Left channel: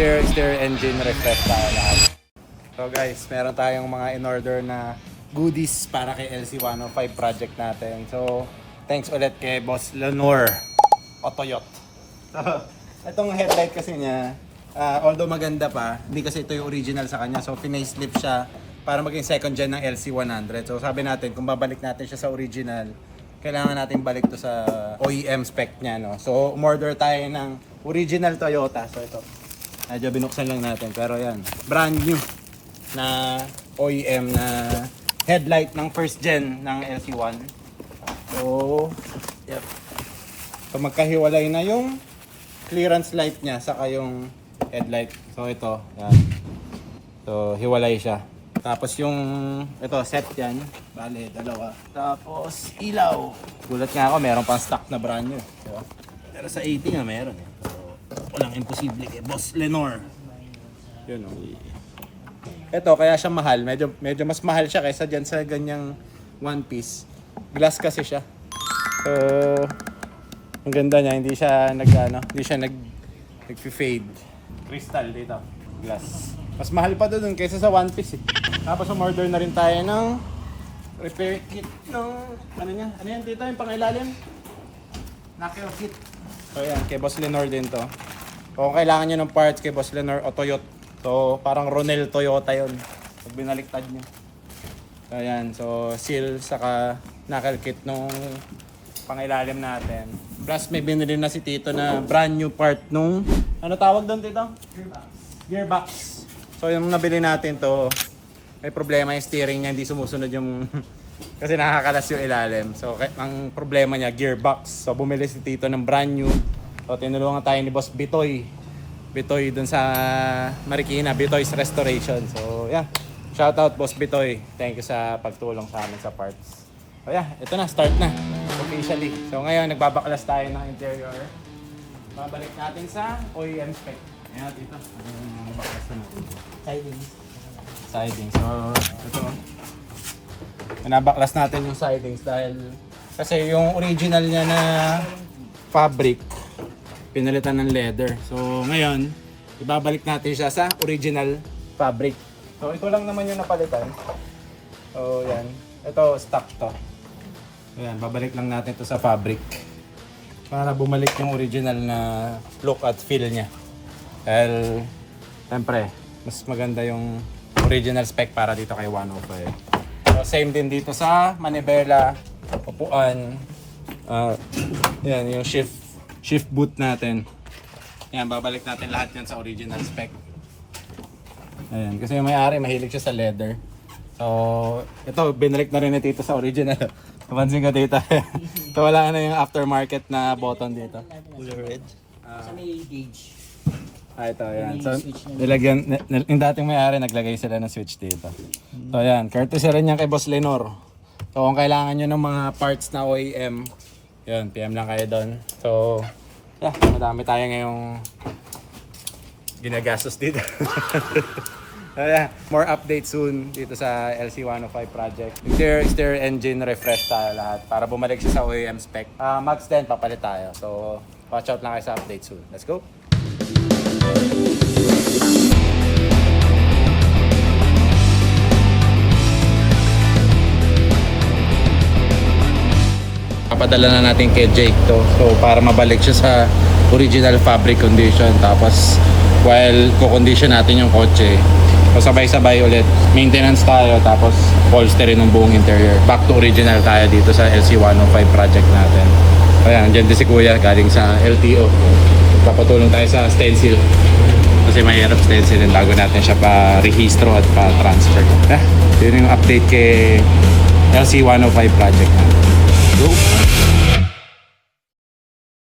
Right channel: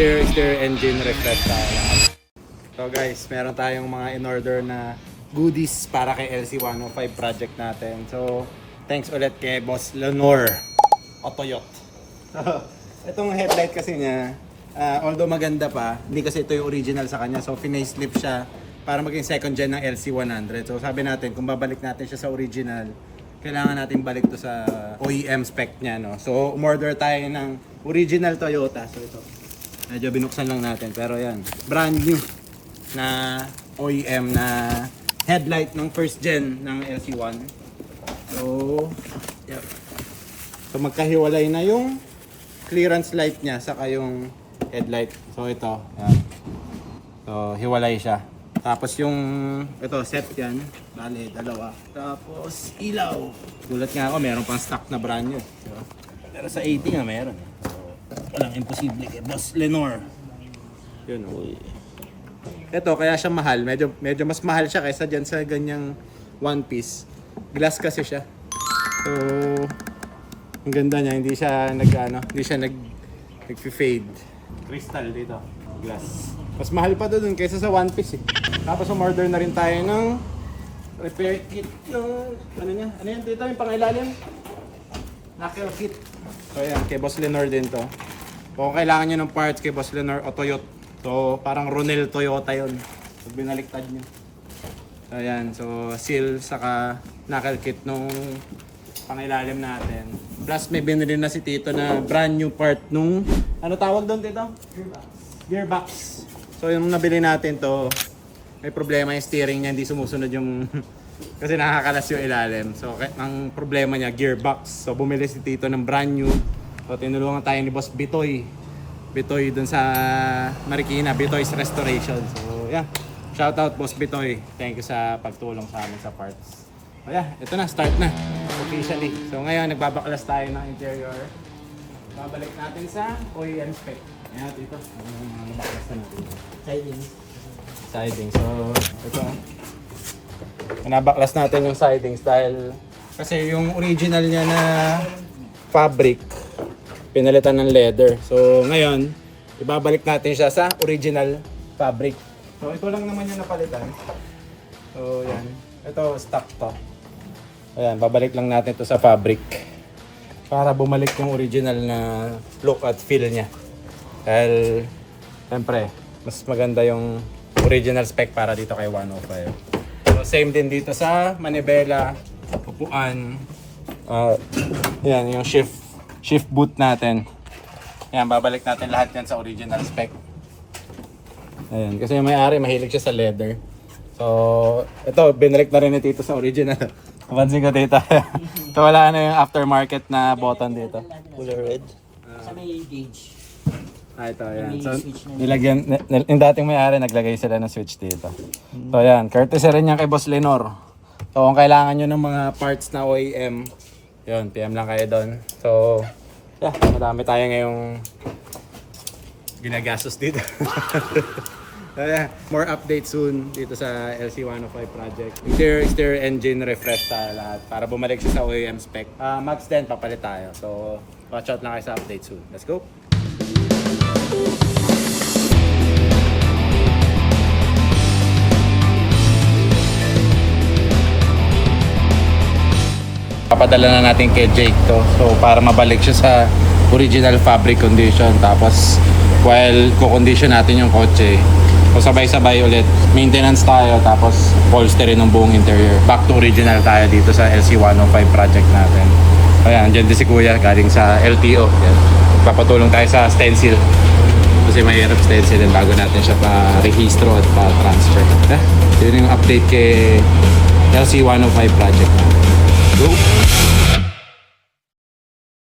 exterior engine refresh tayo. So guys, meron tayong mga in-order na goodies para kay LC105 project natin. So, thanks ulit kay Boss Lenore Otoyot. So, itong headlight kasi niya, although maganda pa, hindi kasi ito yung original sa kanya. So, pinacelift siya para maging second gen ng LC100. So, sabi natin, kung babalik natin siya sa original, kailangan natin balik to sa OEM spec niya, no? So, umorder tayo ng original Toyota. So, ito. Medyo binuksan lang natin. Pero yan, brand new na OEM na headlight ng first gen ng LC1. So, yep. So, magkahiwalay na yung clearance light niya saka yung headlight. So, ito. Yan. So, hiwalay siya. Tapos yung, ito, set yan. Bale, dalawa. Tapos, ilaw. Gulat nga ako, meron pang stock na brand new. Diba? Pero sa 80 nga meron. So, walang imposible kay Boss Lenore. Yun, ito, kaya siya mahal. Medyo mas mahal siya kaysa dyan sa ganyang one piece. Glass kasi siya. So, ang ganda niya. Hindi siya nag-fade. Crystal dito. Glass. Mas mahal pa doon kaysa sa one piece eh. Tapos umorder na rin tayo ng repair kit ng ano yan dito yung pangilalim? Knuckle kit. So yan, kay Boss Lenore din to. Kung kailangan nyo ng parts kay Boss Lenore o Toyota. So parang Ronel Toyota yun. Pag binaliktad nyo. So yan, so seal saka knuckle kit nung pangilalim natin. Plus may binili na si Tito na brand new part nung ano tawag doon Tito? Gearbox. So yung nabili natin to, may problema yung steering niya, hindi sumusunod yung kasi nakakalas yung ilalim. So ang problema niya, gearbox. So bumili si Tito ng brand new. So tinulungan tayo ni Boss Bitoy dun sa Marikina, Bitoy's Restoration. So yeah, shout out Boss Bitoy. Thank you sa pagtulong sa amin sa parts. So yeah, ito na, start na officially. So ngayon nagbabaklas tayo ng interior. Babalik natin sa OEM spec. Ayan dito, baklas na natin. Siding. So, ito. Pinabaklas natin yung sidings dahil kasi yung original niya na fabric pinalitan ng leather. So, ngayon, ibabalik natin siya sa original fabric. So, ito lang naman yung napalitan. So, yan. Ito, stock to. Ayan, babalik lang natin to sa fabric para bumalik yung original na look at feel niya. Dahil, siyempre, mas maganda yung original spec para dito kay 105. So, same din dito sa manibela, upuan. Yan, yung shift boot natin. Yan, babalik natin lahat yan sa original spec. Ayan, kasi yung may-ari, mahilig siya sa leather. So, ito, binalik na rin ni Tito sa original. Napansin ko dito. So, wala na yung aftermarket na button dito. Color red. Sa may gauge. Ito, yan. So, nilagyan, yung dating may-ari, naglagay sila ng switch dito. So, yan. Courtesy rin yan kay Boss Lenore. So, kung kailangan nyo ng mga parts na OEM, yun, PM lang kayo doon. So, yeah, madami tayo ngayong ginagastos dito. So, yeah, more updates soon dito sa LC105 project. Exterior engine refresh tayo lahat para bumalik siya sa OEM spec. Max 10, papalit tayo. So, watch out lang kayo sa update soon. Let's go! Papadala na natin kay Jake to. So para mabalik siya sa original fabric condition. Tapos while ko-condition natin yung kotse, so sabay-sabay ulit maintenance tayo. Tapos upholstery ng buong interior. Back to original tayo dito sa LC105 project natin. Ayan, dyan din si Kuya galing sa LTO. Yan. Papatulong tayo sa stencil. Kasi mahirap stencilin bago natin siya pa-rehistro at pa-transfer. Yun yung update kay LC105 project natin. Go!